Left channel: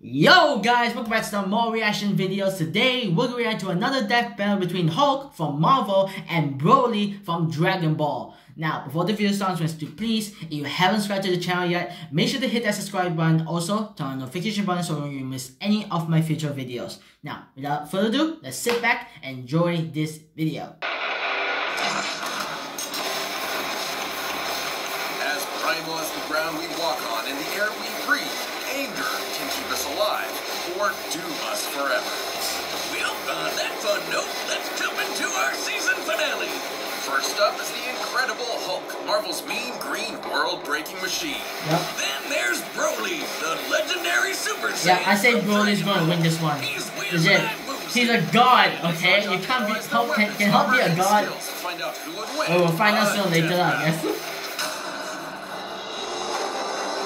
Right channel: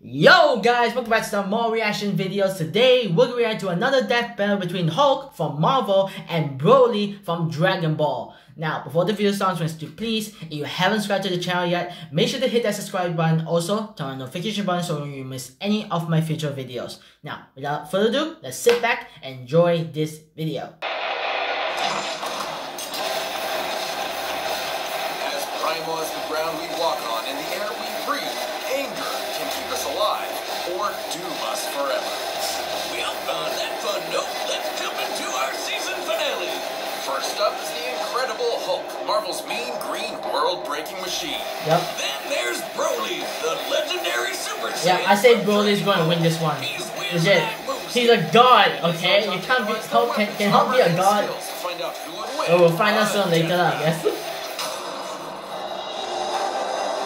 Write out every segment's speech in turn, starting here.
Yo guys, welcome back to some more reaction videos. Today we're going to react to another death battle between Hulk from Marvel and Broly from Dragon Ball. Now, before the video starts, please, if you haven't subscribed to the channel yet, make sure to hit that subscribe button. Also, turn on the notification button so you don't miss any of my future videos. Now, without further ado, let's sit back and enjoy this video. As primal as the ground we walk on and the air we breathe, anger can keep us alive or doom us forever. Well, on that fun note, let's jump into our season finale. First up is the Incredible Hulk, Marvel's mean green world-breaking machine. Yep. Then there's Broly, the legendary Super Saiyan. Yeah, I say Broly's going to win this one. Legit. He's a god, okay? You can't be Hulk. Can Hulk be a god? Oh, we'll find out soon later, I guess.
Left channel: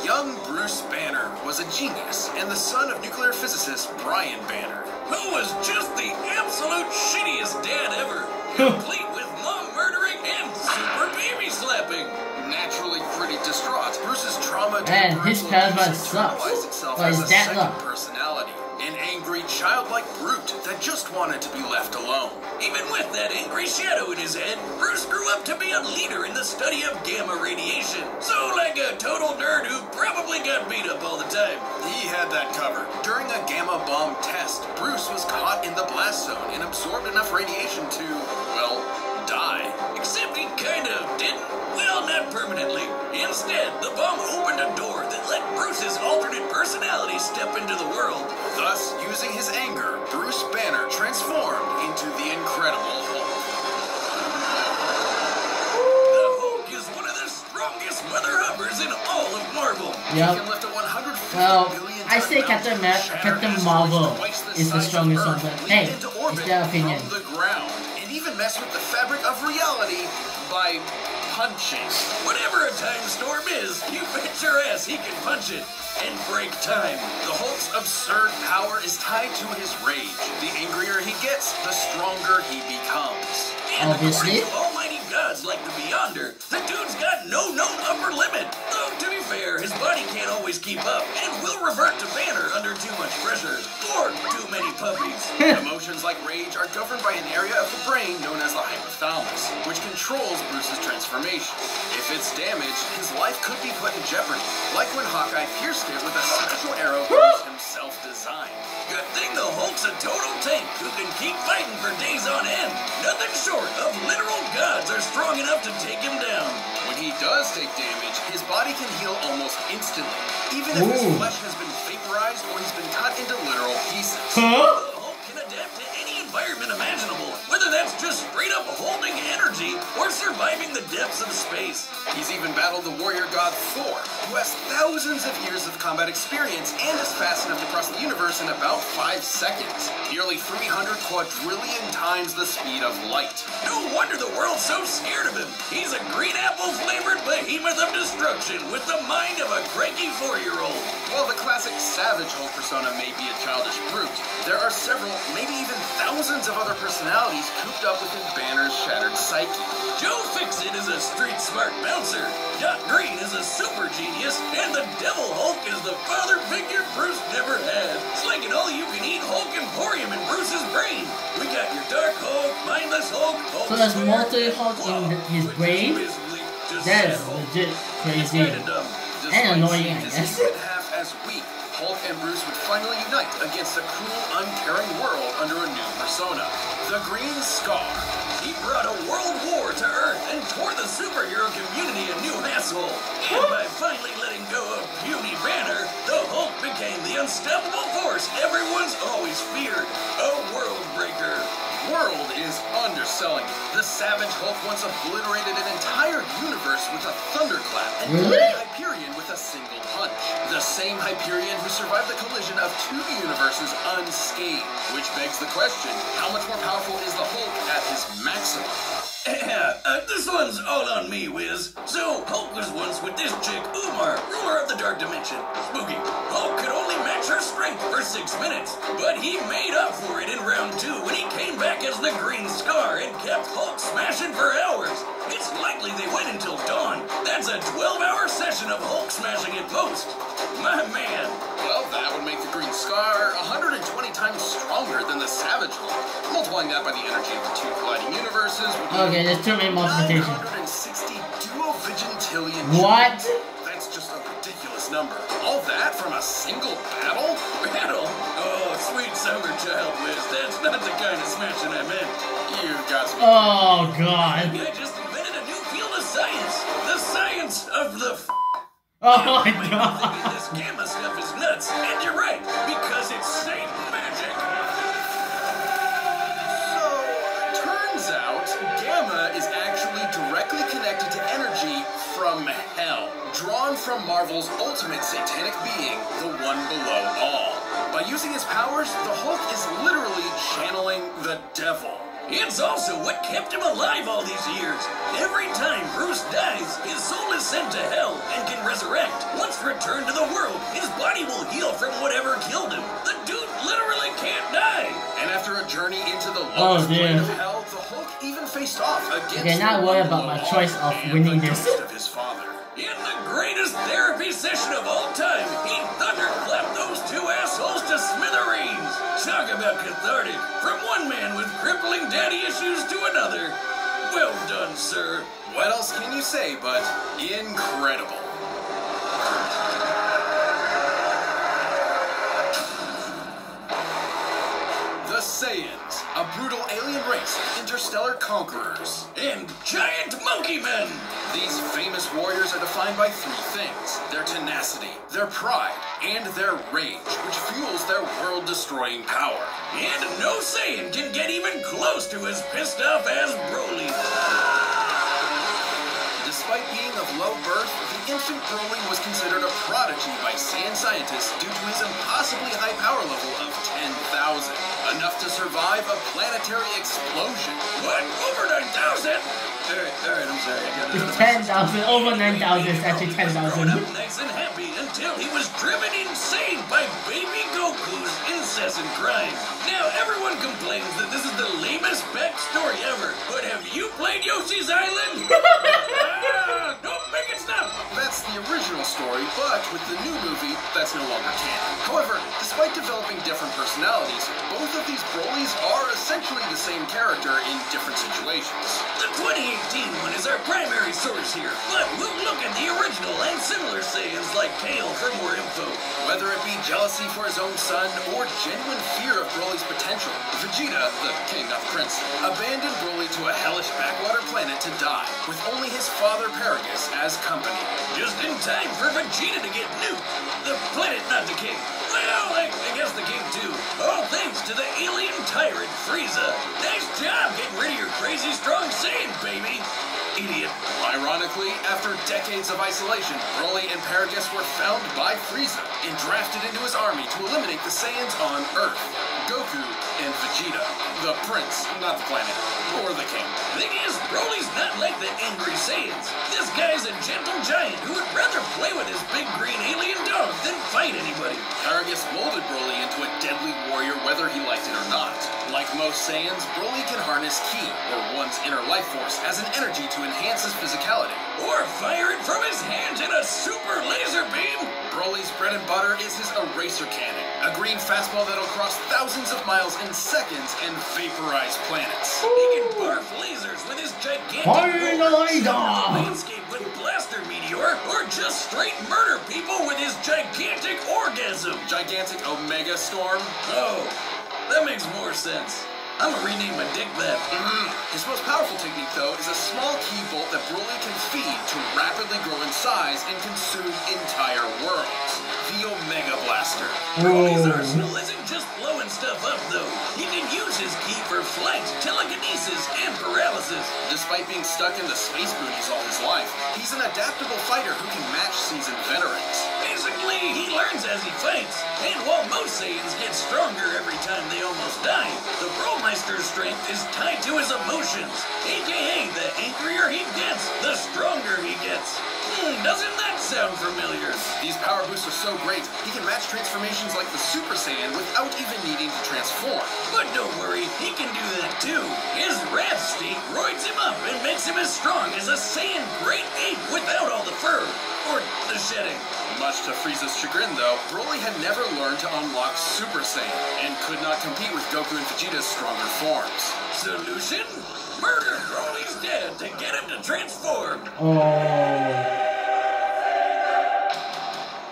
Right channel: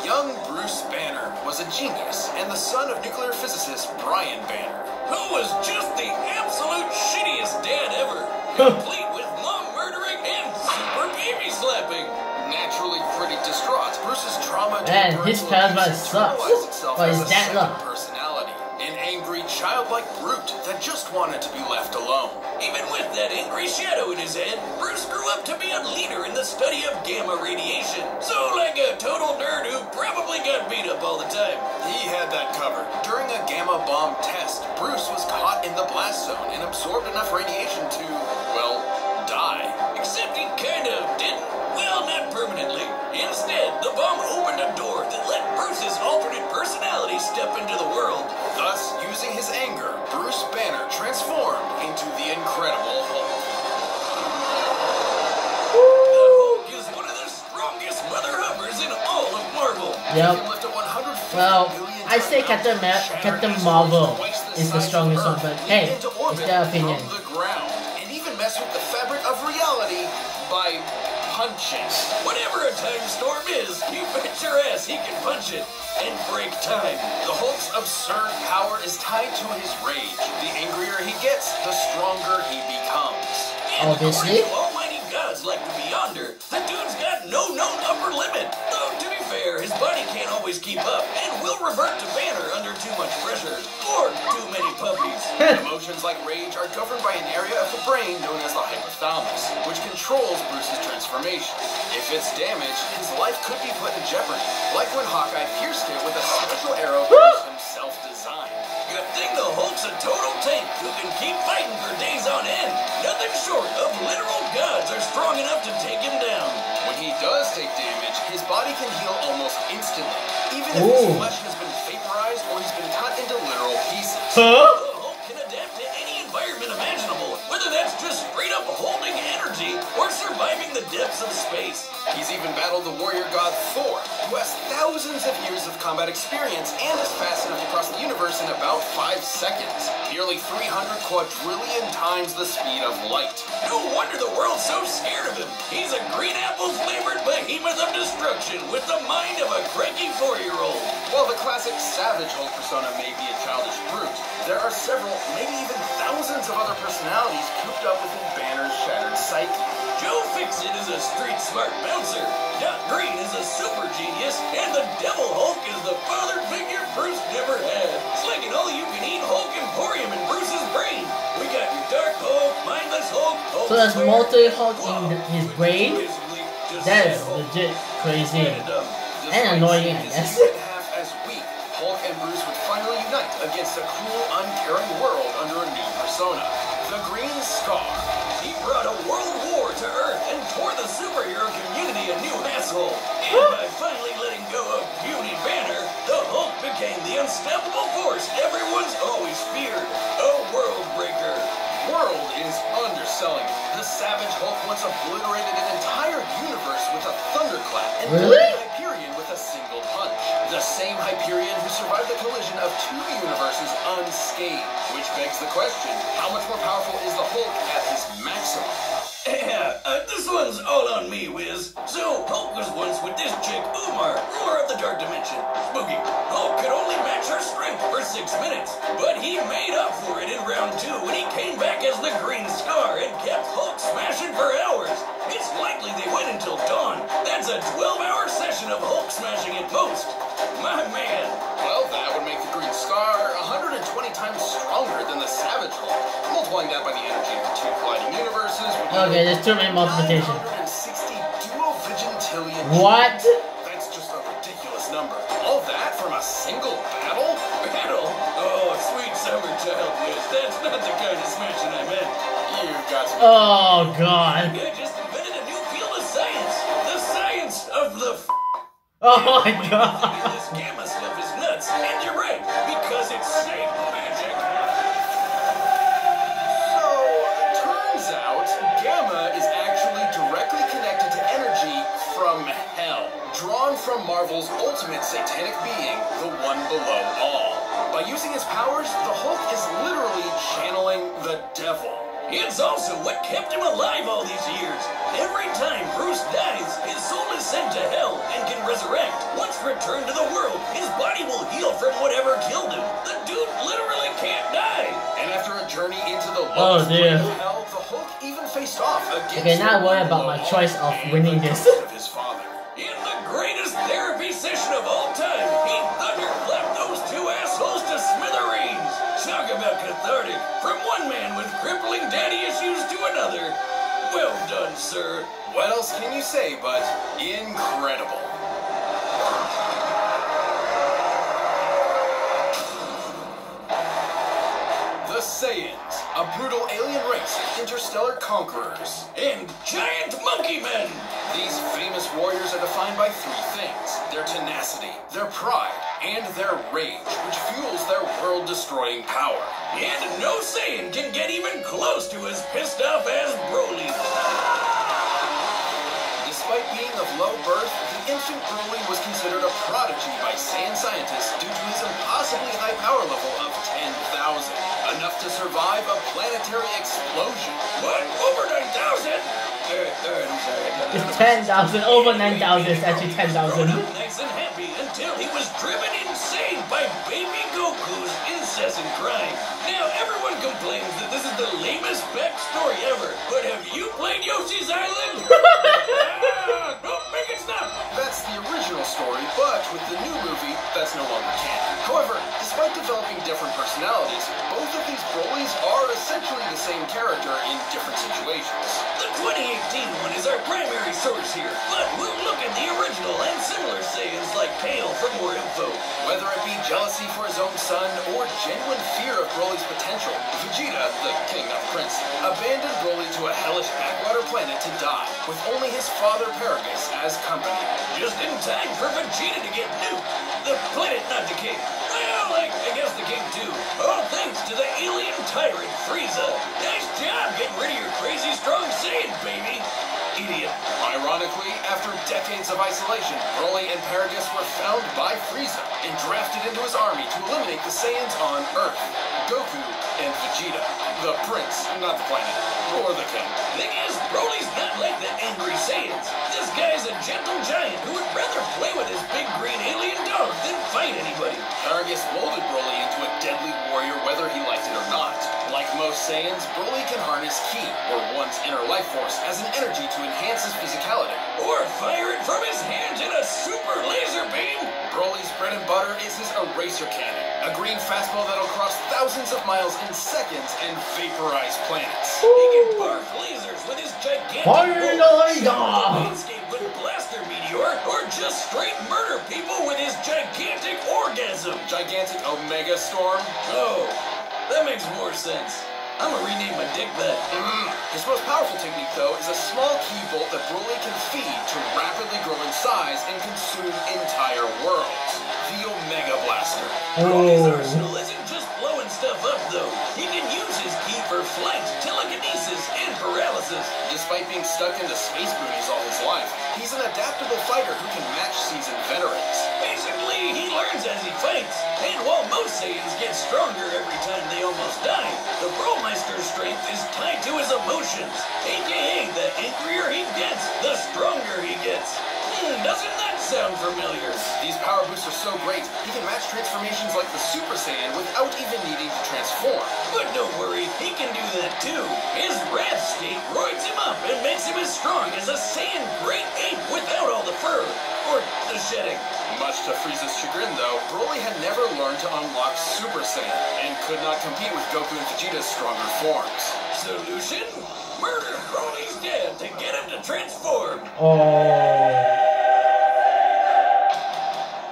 Young Bruce Banner was a genius and the son of nuclear physicist Brian Banner, who was just the absolute shittiest dad ever, complete with mom murdering and super baby slapping. Naturally pretty distraught, Bruce's trauma Man, his parents sucks. But his dad loves personality, an angry, childlike brute that just wanted to be left alone. Even with that angry shadow in his head, Bruce grew up to be a leader in the study of gamma radiation. So, like a total nerd who probably got beat up all the time. He had that covered. During a gamma bomb test, Bruce was caught in the blast zone and absorbed enough radiation to, well, die. Except he kind of didn't. Well, not permanently. Instead, the bomb opened a door that let Bruce's alternate personality step into the world. Thus, using his anger, Bruce Banner transformed into the Incredible Hulk. The Hulk is one of the strongest mother hubbers in all of Marvel. Yep. Well, I say Captain Marvel is the strongest one, but hey, it's their opinion. And even mess with the fabric of reality by punching. Whatever a time storm is, you bet your ass he can punch it and break time. The Hulk's absurd power is tied to his rage. The angrier he gets, the stronger he becomes. And obviously, according to almighty gods like the Beyonder, the dude's got no known upper limit. Though, to be fair, his body can't always keep up and will revert to Banner under too much pressure or too many puppies. Emotions like rage are governed by an area of the brain known as the hypothalamus, which controls Bruce's transformation. If it's damaged, his life could be put in jeopardy, like when Hawkeye pierced it with a special arrow Bruce himself designed. Good thing the Hulk's a total tank who can keep fighting for days on end. Nothing short of literal gods are strong enough to take him down. When he does take damage, his body can heal almost instantly, even if his flesh has been vaporized or he's been cut into literal pieces. The Hulk can adapt to any environment imaginable, whether that's just straight up holding energy or surviving the depths of space. He's even battled the warrior god Thor, who has thousands of years of combat experience and is fast enough to cross the universe in about 5 seconds, nearly 300 quadrillion times the speed of light. No wonder the world's so scared of him. He's a green apple-flavored behemoth of destruction with the mind of a cranky 4-year-old. While the classic Savage Hulk persona may be a childish brute, there are several, maybe even thousands of other personalities cooped up within Banner's shattered psyche. Joe Fixit is a street-smart bouncer, Doc Green is a super genius, and the Devil Hulk is the father figure Bruce never had. It's like an all-you-can-eat Hulk Emporium in Bruce's brain. We got your Dark Hulk, Mindless Hulk, Hulk so there's Square, multi-Hulk in his brain? That is legit crazy. And annoying, I guess. As weak, Hulk and Bruce would finally unite against a cruel, uncaring world under a new persona, the Green Scar. He brought a world war to Earth and tore the superhero community a new asshole. And by finally letting go of puny Banner, the Hulk became the unstoppable force everyone's always feared. A world breaker. World is underselling. The Savage Hulk once obliterated an entire universe with a thunderclap and really? Hyperion with a single punch. The same Hyperion who survived the collision of 2 universes unscathed. Which begs the question, how much more powerful is the Hulk at his maximum? Yeah, this one's all on me, Wiz. So, Hulk was once with this chick, Umar, ruler of the Dark Dimension. Spooky. Hulk could only match her strength for 6 minutes, but he made up for it in round 2 when he came back as the Green Scar and kept Hulk smashing for hours. It's likely they went until dawn. That's a 12-hour session of Hulk smashing at post. My man. Well, that would make the Green Scar Savage Hulk. Multiplying that by the energy of the two colliding universes would be Okay, there's too many multiplications. 960 duovigintillion. What? That's just a ridiculous number. All that from a single battle? Battle? Oh, sweet summer child, Wiz. That's not the kind of smashing I meant. You've got to be Oh god. I just invented a new field of science. The science of the Oh my god. This gamma stuff is nuts. And you're right, because it's safe magic. So, turns out, gamma is actually directly connected to energy from hell, drawn from Marvel's ultimate satanic being, the one below all. By using his powers, the Hulk is literally channeling the devil. It's also what kept him alive all these years. Every time Bruce dies, his soul is sent to hell and can resurrect. Once returned to the world, his body will heal from whatever killed him. The dude literally can't die. And after a journey into the Oh, lowest dear. plane of hell, the Hulk even faced off against Okay, not the worry one about my below choice all of and winning the this. ghost of his father. In the greatest therapy session of all time, he thunderclapped those two assholes to smithereens. Talk about cathartic. From one man with crippling daddy issues to another. Well done, sir. What else can you say but incredible? The Saiyans, a brutal alien race of interstellar conquerors. And giant monkey men. These famous warriors are defined by three things: their tenacity, their pride, and their rage, which fuels their world-destroying power. And no Saiyan can get even close to as pissed off as Broly. Despite being of low birth, the infant Broly was considered a prodigy by Saiyan scientists due to his impossibly high power level of 10,000, enough to survive a planetary explosion. What? Over 9,000? Alright, I'm sorry, I got it. It's 10,000. Over 9,000. It's actually 10,000. Grown up nice and happy until he was driven insane by baby Goku's incessant crying. Now everyone complains that this is the lamest backstory ever, but have you played Yoshi's Island? Don't make it stop! That's the original story, but with the new movie, that's no longer canon. However, despite developing different personalities, both of these Brolys are essentially the same character in different situations. The 2018 one is our primary source here, but we'll look at the original and similar Saiyans like Kale for more info. Whether it be jealousy for his own son or genuine fear of Broly's potential, Vegeta, the king not prince, abandoned Broly to a hellish backwater planet to die, with only his father Paragus as company. Just in time for Vegeta to get nuked. The planet, not the king. Well, I guess the king too. All thanks to the alien tyrant Frieza. Nice job getting rid of your crazy strong Saiyan, baby. Idiot. Ironically, after decades of isolation, Broly and Paragus were found by Frieza and drafted into his army to eliminate the Saiyans on Earth. Goku and Vegeta. The prince, not the planet, or the king. Thing is, Broly's not like the angry Saiyans. This guy's a gentle giant who would rather play with his big green alien dog than fight anybody. Paragus molded Broly into a deadly warrior whether he liked it or not. Like most Saiyans, Broly can harness Ki, or one's inner life force, as an energy to enhance his physicality. Or fire it from his hands in a super laser beam. Broly's bread and butter is his eraser cannon, a green fastball that'll cross thousands of miles in seconds and vaporize planets. He can barf lasers with his gigantic Fire the roar, laser! landscape with blaster meteor, or just straight murder people with his gigantic orgasm. Gigantic Omega Storm. Oh, that makes more sense. I'm gonna rename my dick that. His most powerful technique, though, is a small ki bolt that Broly can feed to rapidly grow in size and consume entire worlds. The Omega Blaster. Broly's Oh. arsenal isn't just blowing stuff up, though. He can use his ki for flight, telekinesis, and paralysis. Despite being stuck in the space boonies all his life, he's an adaptable fighter who can match seasoned veterans. Basically, he learns as he fights. And while most Saiyans get stronger every time they almost die, the Bromeister's strength is tied to his emotions. AKA, the angrier he gets, the stronger he gets. Doesn't that sound familiar? These power boosts are so great, he can match transformations like the Super Saiyan with without even needing to transform. But don't worry, he can do that too. His wrath state roids him up and makes him as strong as a Saiyan great ape without all the fur. Or the shedding. Much to Frieza's chagrin, though, Broly had never learned to unlock Super Saiyan and could not compete with Goku and Vegeta's stronger forms. Solution? Murder Broly's dad to get him to transform. Oh.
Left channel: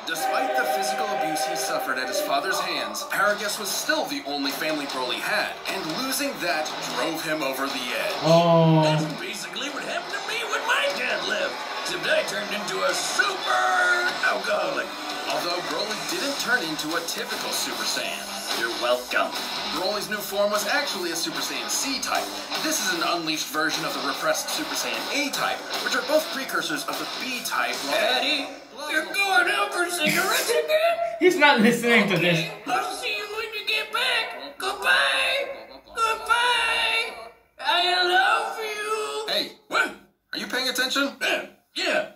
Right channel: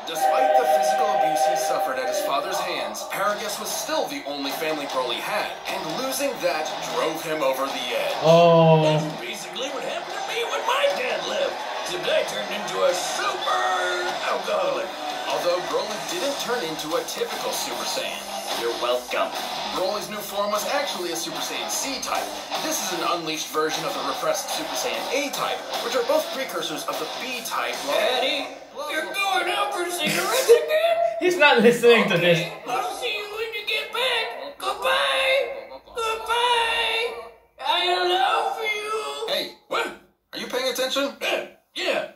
Despite the physical abuse he suffered at his father's hands, Paragus was still the only family Broly had, and losing that drove him over the edge. Oh. That's basically what happened to me when my dad left. Except I turned into a super alcoholic. Although Broly didn't turn into a typical Super Saiyan. You're welcome. Broly's new form was actually a Super Saiyan C-type. This is an unleashed version of the repressed Super Saiyan A-type, which are both precursors of the B-type. Daddy, you're going out for cigarettes again? He's not listening to this. I'll see you when you get back. Goodbye. Goodbye. I love you. Hey, What? are you paying attention? Yeah.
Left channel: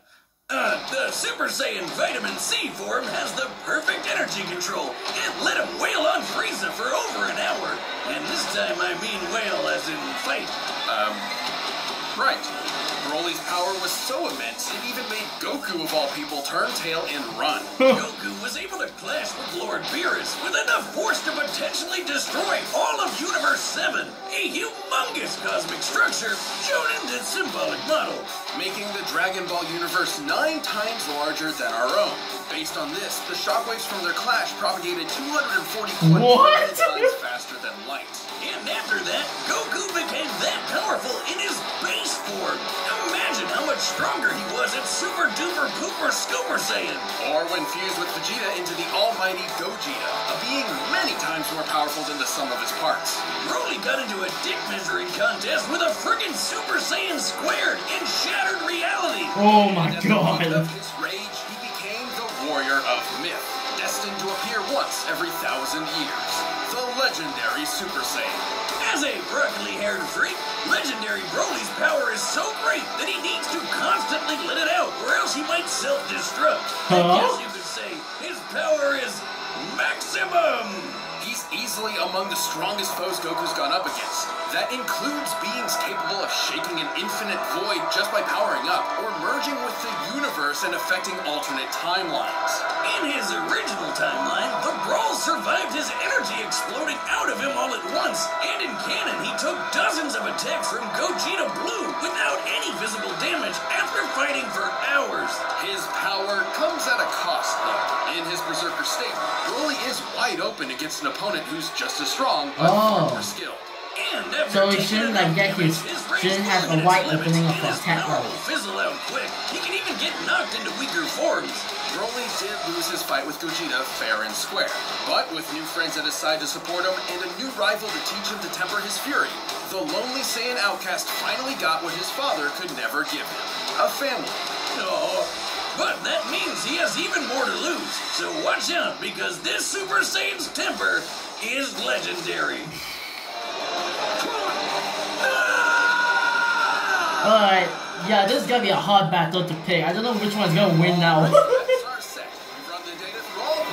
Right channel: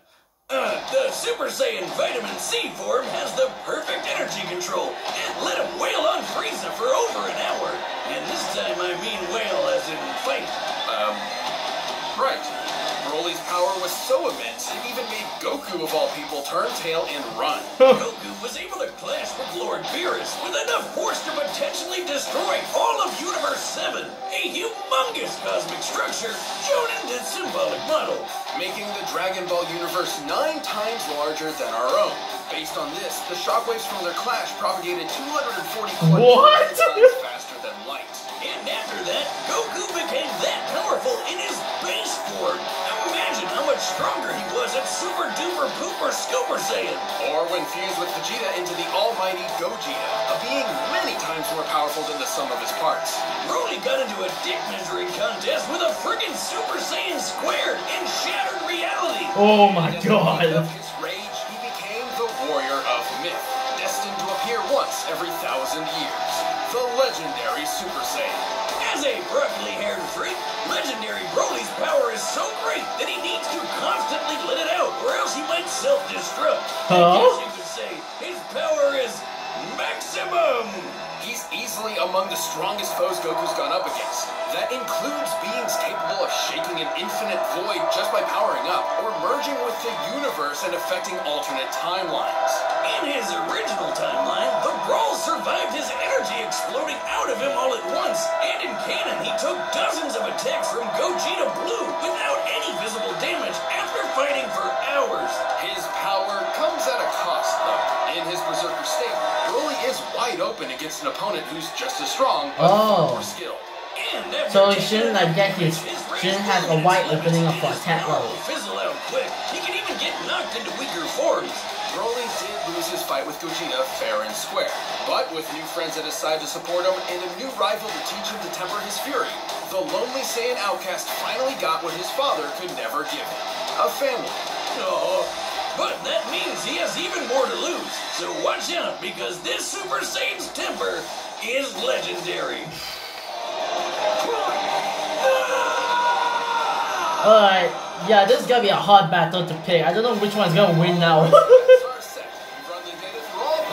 The Super Saiyan Vitamin C form has the perfect energy control. It let him wail on Frieza for over an hour. And this time I mean wail as in fight. Right. Broly's power was so immense, it even made Goku, of all people, turn tail and run. Goku was able to clash with Lord Beerus with enough force to potentially destroy all of Universe 7, a humongous cosmic structure shown in this symbolic model. Making the Dragon Ball universe 9 times larger than our own. Based on this, the shockwaves from their clash propagated 240 What? times faster than light. And after that, Goku became that powerful in his base form. Imagine how much stronger he was at Super Duper Pooper Scooper Saiyan. Or when fused with Vegeta into the almighty Gogeta, a being many times more powerful than the sum of his parts. Broly got into a dick measuring contest with a frickin' Super Saiyan squared and shattered reality. Oh my god. Of his rage, he became the warrior of myth, destined to appear once every 1,000 years. The legendary Super Saiyan. As a broccoli-haired freak, legendary Broly's power is so great that he needs to constantly let it out, or else he might self-destruct. I guess you could say his power is maximum. He's easily among the strongest foes Goku's gone up against. That includes beings capable of shaking an infinite void just by powering up, or merging with the universe and affecting alternate timelines. In his original timeline, the Brawl survived his energy exploding out of him all at once, and in canon he took dozens of attacks from Gogeta Blue without any visible damage after fighting for hours. His power comes at a cost, though. In his Berserker state, Broly is wide open against an opponent who's just as strong, but far more skilled. So he shouldn't like get his, shouldn't have a wide opening of attack level. Fizzle out quick. He can even get knocked into weaker forms. Broly did lose his fight with Gogeta fair and square, but with new friends at his side to support him and a new rival to teach him to temper his fury, the lonely Saiyan outcast finally got what his father could never give him: a family. Oh, but that means he has even more to lose. So watch out, because this Super Saiyan's temper is legendary. Alright, yeah, this is gonna be a hard battle to pick. I don't know which one's gonna win now.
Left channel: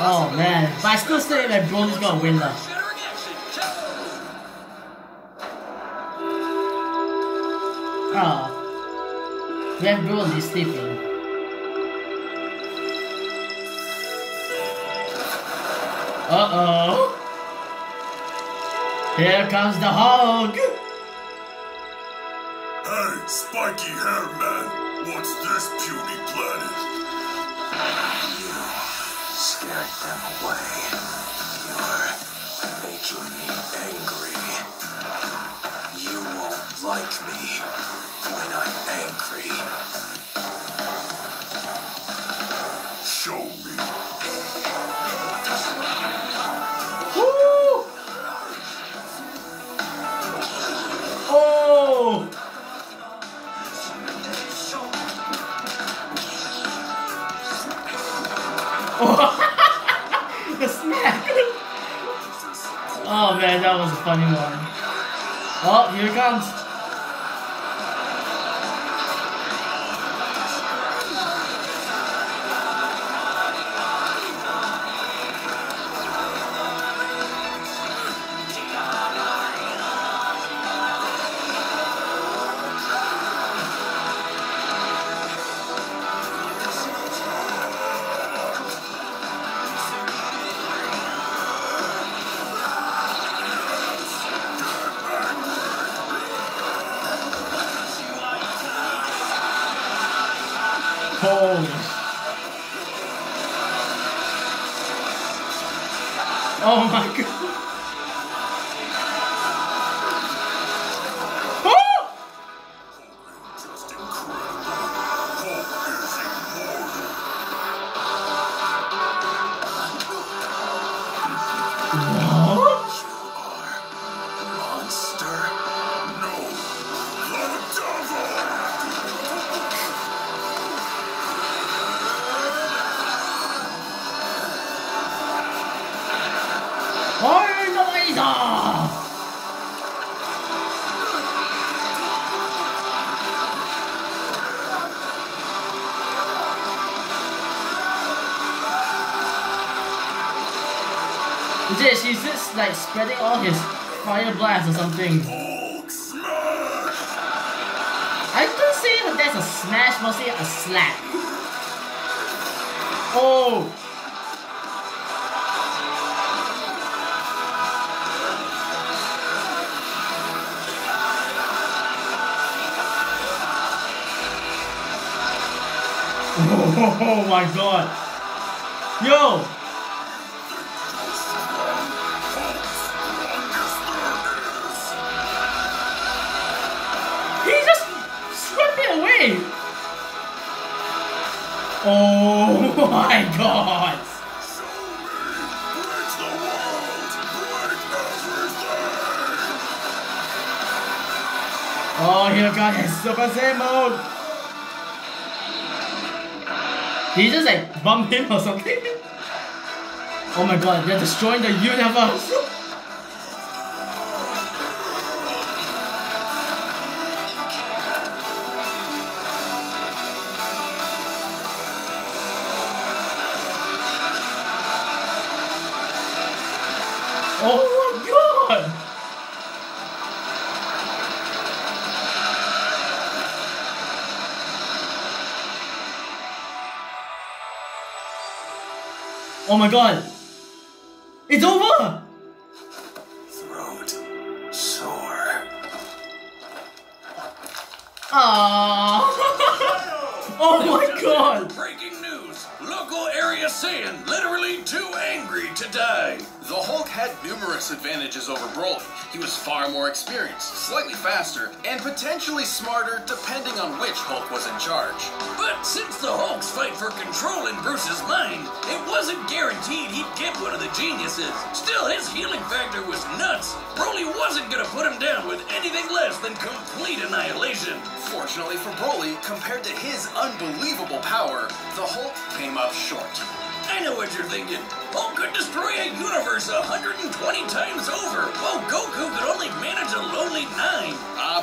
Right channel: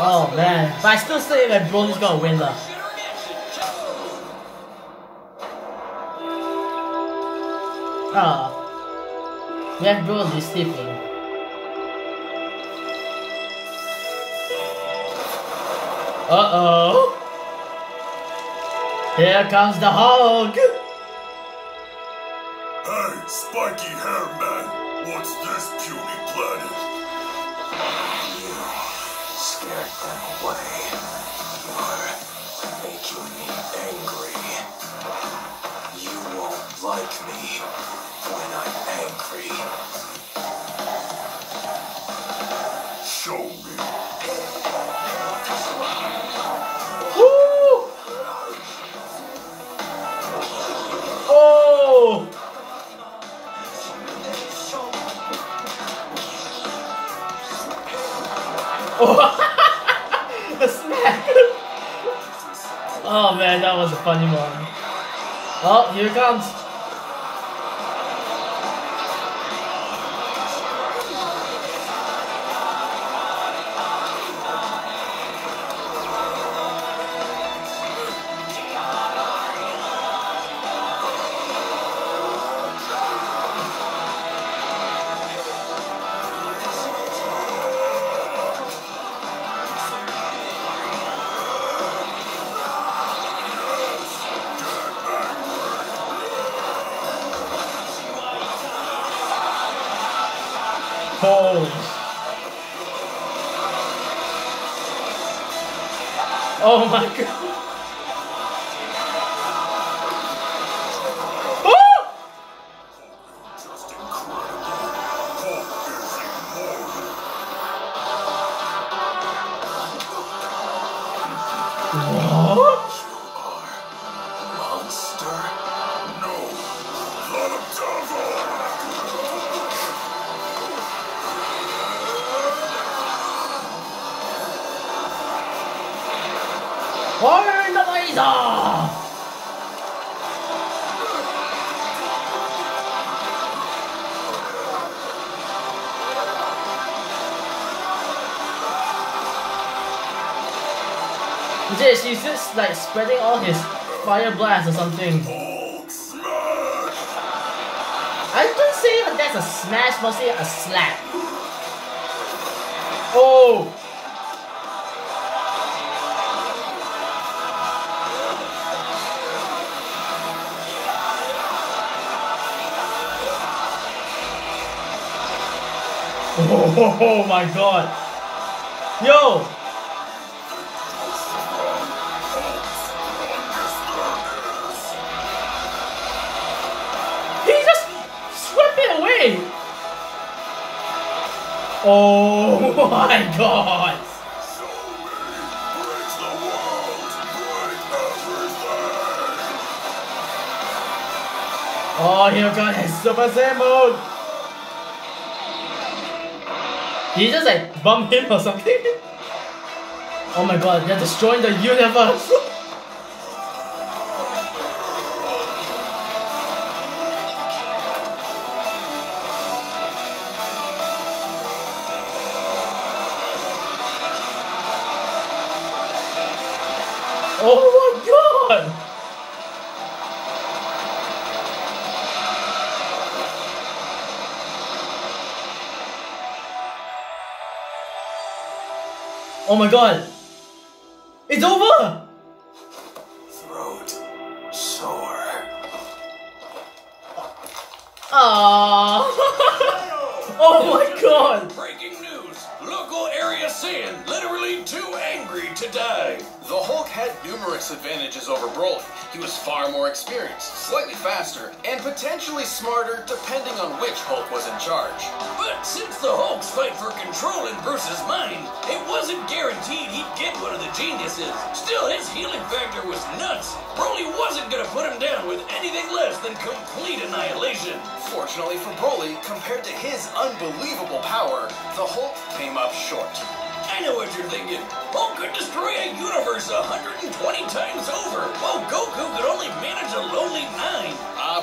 Oh man, but I still say that Broly's gonna win though. Oh, we have Broly sleeping. Uh-oh. Here comes the Hulk. Hey, spiky hair man, what's this puny planet? You scared them away. You're making me angry. You won't like me when I'm angry. Show me. Woo! Oh! Oh, the smack! Oh man, that was a funny one. Oh, here it comes. Oh my god. Just incredible. Hulk is immortal. What? You are monster. No, the devil. Burn the laser! She's just like spreading all his fire blast or something. Hulk smash. I don't say that's a smash, but say a slap. Oh! Oh my god! Yo! He just swept it away! Oh my god! Show me. Break the world. Break everything. Oh, here got his Super Saiyan mode! Did he just like bump him or something? Oh my god, they're destroying the universe! Oh my god! Oh my god! It's over! Throat sore. Ah! Oh my god! Breaking news! Local area Saiyan literally too angry to die. The Hulk had numerous advantages over Broly. He was far more experienced, slightly faster, and potentially smarter depending on which Hulk was in charge. But since the Hulk's fight for control in Bruce's mind, it wasn't guaranteed he'd get one of the geniuses. Still, his healing factor was nuts. Broly wasn't gonna put him down with anything less than complete annihilation. Fortunately for Broly, compared to his unbelievable power, the Hulk came up short. I know what you're thinking. Hulk could destroy a universe 120 times over, while Goku could only manage a lonely 9.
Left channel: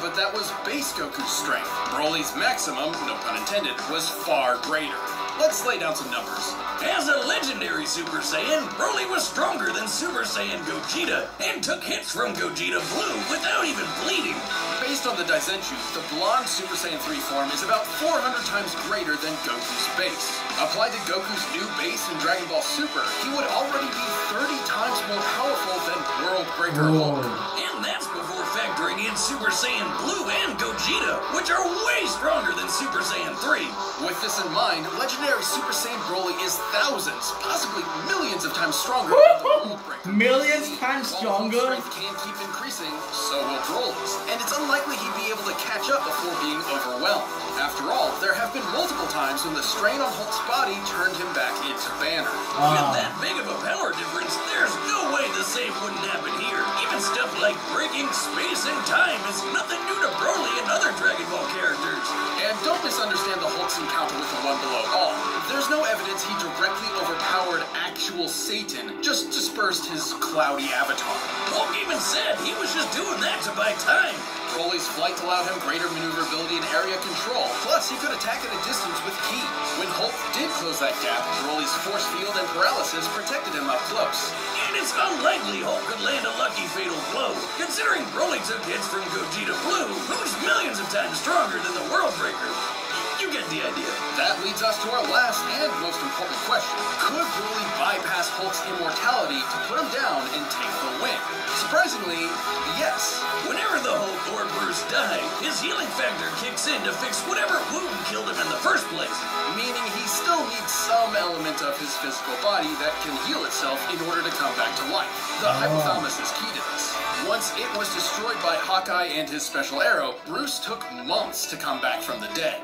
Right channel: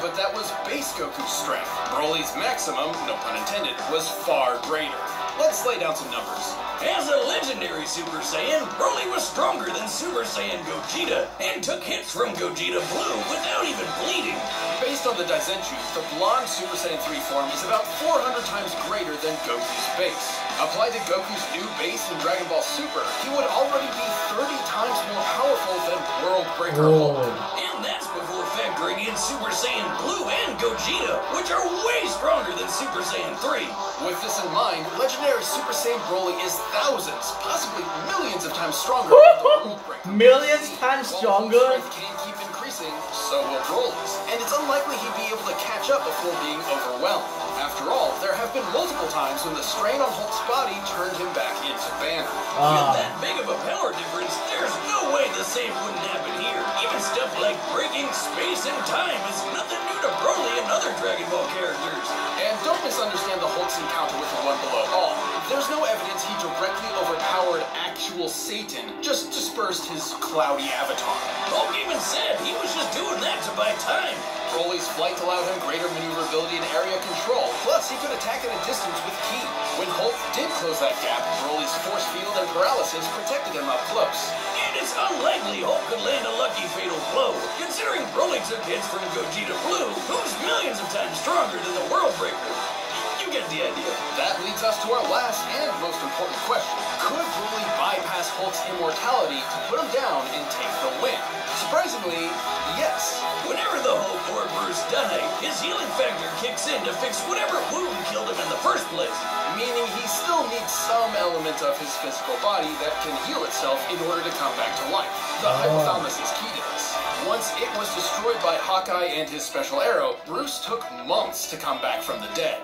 But that was base Goku's strength. Broly's maximum, no pun intended, was far greater. Let's lay down some numbers. As a legendary Super Saiyan, Broly was stronger than Super Saiyan Gogeta, and took hits from Gogeta Blue without even bleeding. Based on the Daizenshuu, the blonde Super Saiyan 3 form is about 400 times greater than Goku's base. Applied to Goku's new base in Dragon Ball Super, he would already be 30 times more powerful than World Breaker Hulk. And that's before factoring in Super Saiyan Blue and Gogeta, which are way stronger than Super Saiyan 3. With this in mind, legendary Super Saiyan Broly is thousands, possibly millions of times stronger than the World Breaker. Millions times While stronger? his strength can't keep increasing, so will Broly's, and it's unlikely he'd be able to catch up before being overwhelmed. After all, there have been multiple times when the strain on Hulk's body turned him back into Banner. With that big of a power difference, there's no way the same wouldn't happen here. Even stuff like breaking space and time is nothing new to Broly and other Dragon Ball characters. And don't misunderstand the Hulk's encounter with the One Below All. There's no evidence he directly overpowered actual Satan, just dispersed his cloudy avatar. Hulk even said he was just doing that to buy time. Broly's flight allowed him greater maneuverability and area control, plus he could attack at a distance with Ki. When Hulk did close that gap, Broly's force field and paralysis protected him up close. And it's unlikely Hulk could land a lucky fatal blow, considering Broly took hits from Gogeta Blue, who's millions of times stronger than the World Breaker. You get the idea. That leads us to our last and most important question. Could Broly bypass Hulk's immortality to put him down and take the win? Surprisingly, yes. Whenever the Hulk or Bruce die, his healing factor kicks in to fix whatever wound killed him in the first place. Meaning he still needs some element of his physical body that can heal itself in order to come back to life. The hypothalamus is key to this. Once it was destroyed by Hawkeye and his special arrow, Bruce took months to come back from the dead.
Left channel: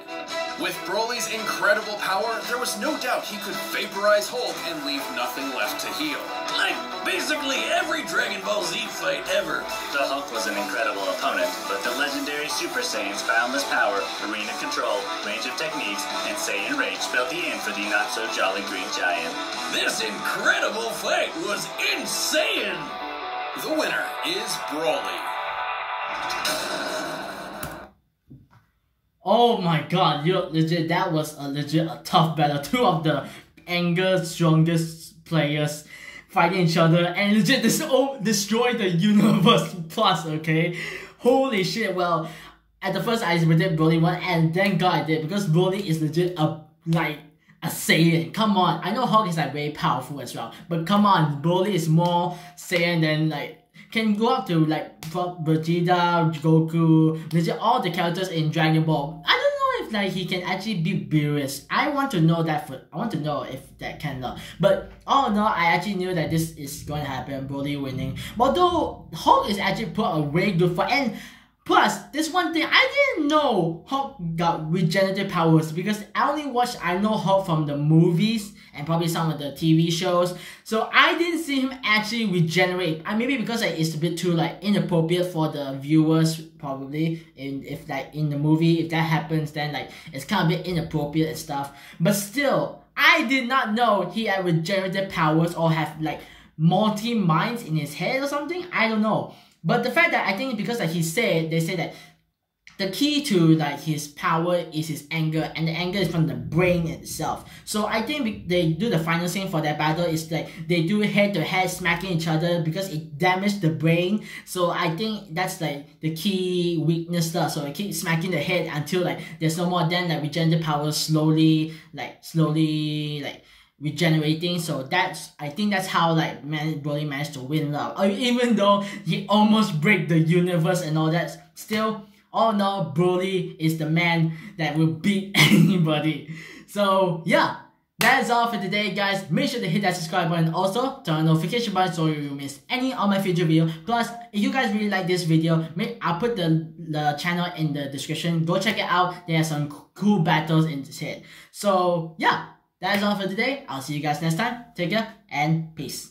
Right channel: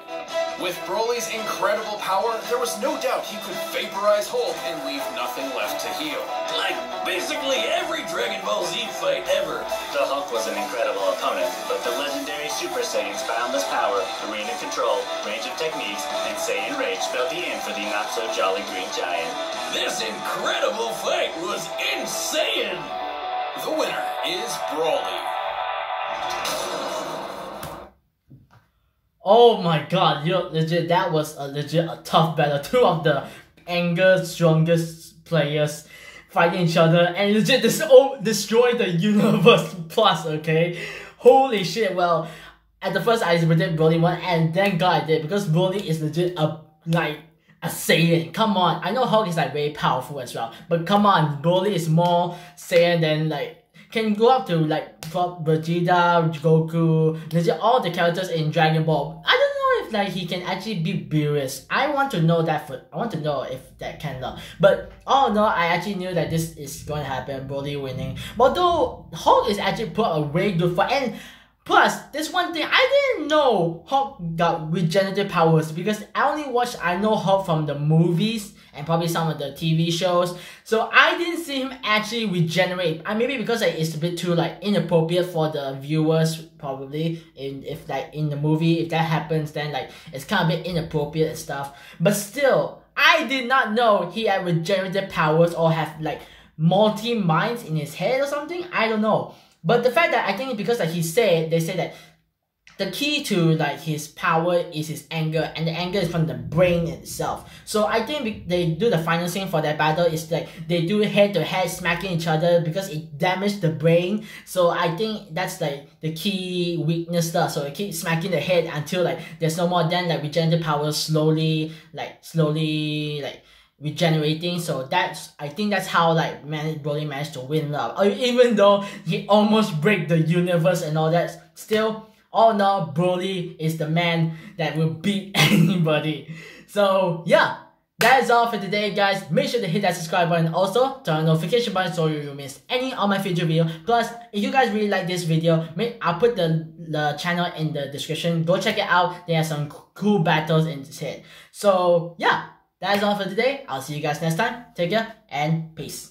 With Broly's incredible power, there was no doubt he could vaporize Hulk and leave nothing left to heal. Like basically every Dragon Ball Z fight ever. The Hulk was an incredible opponent, but the legendary Super Saiyan's boundless power, arena control, range of techniques, and Saiyan rage spelled the end for the not-so-jolly Green Giant. This incredible fight was insane! The winner is Broly. Oh my god, legit, that was a tough battle. Two of the anger strongest players fighting each other and legit destroy the universe plus, okay? Holy shit, well, at the first I predicted Broly won and thank god I did because Broly is legit a Saiyan. Come on, I know Hulk is like very powerful as well, but come on, Broly is more Saiyan than like can go up to like Vegeta, Goku, legit all the characters in Dragon Ball. I don't know if like he can actually beat Beerus. I want to know that I want to know if that can not. But all in all, I actually knew that this is going to happen, Broly winning. But though Hulk is actually put a very good fight, and plus, this one thing, I didn't know Hulk got regenerative powers because I know Hulk from the movies and probably some of the TV shows. So I didn't see him actually regenerate. Maybe because like, it's a bit too like inappropriate for the viewers probably. If like in the movie, if that happens, then like it's kind of a bit inappropriate and stuff. But still, I did not know he had regenerative powers or have like multi-minds in his head or something. I don't know. But the fact that I think because like they say that the key to like his power is his anger, and the anger is from the brain itself. So I think they do the final scene for that battle is like they do head-to-head smacking each other because it damaged the brain. So I think that's like the key weakness stuff. So they keep smacking the head until like there's no more. Then like regenerative power slowly regenerating. So I think that's how like Broly managed to win love. Even though he almost break the universe and all that, still all in all, Broly is the man that will beat anybody. So yeah, that is all for today, guys. Make sure to hit that subscribe button. Also, turn on the notification button so you will miss any of my future videos. Plus, if you guys really like this video, I'll put the channel in the description. Go check it out. There are some cool battles in this hit. So yeah, that is all for today. I'll see you guys next time. Take care and peace.